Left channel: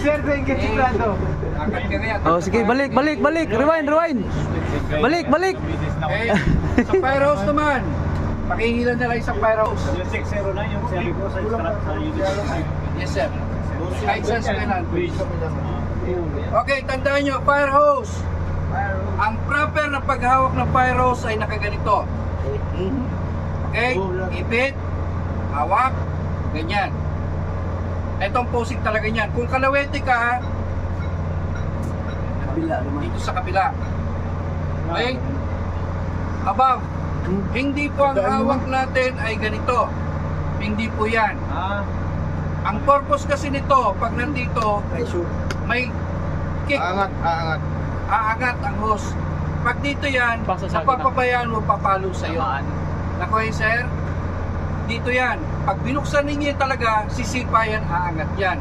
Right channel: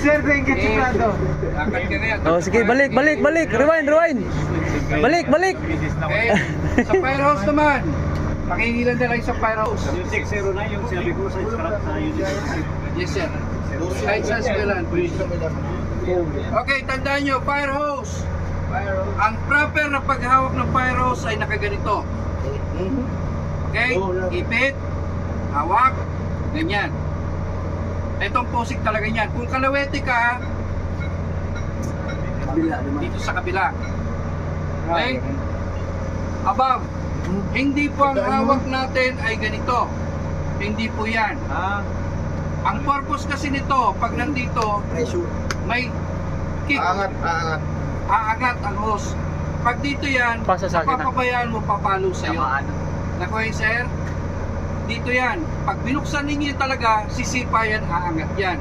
Sir, thank you, Chiclado. Oh, sige, balik. Rewind. Balik. Okay. Sa Pyros naman. Pakihingilan na lang sa Pyros. Yung 609, yung sabi ko sa scrap na yun. Yes, sir. Kahit sa Smilan. Okay, tandaan nyo, fire hose. Ang proper na paghawak ng fire hose ay nakaganito. Okay? Ipit, hawak, ganyan. Itong posing talaga niyan. Kung kalawete ka, dito sa kabila. Okay? Above. Hindi po ang hawak natin ay ganito. Hindi po yan. Ang purpose kasi nito, pag nandito, may kick. Aangat ang hose. Pag dito yan, papabayaan mo, papalo sa'yo. Nakuha sir? Dito yan. Pag binuksan ninyo talaga, sisipa yan, aangat yan.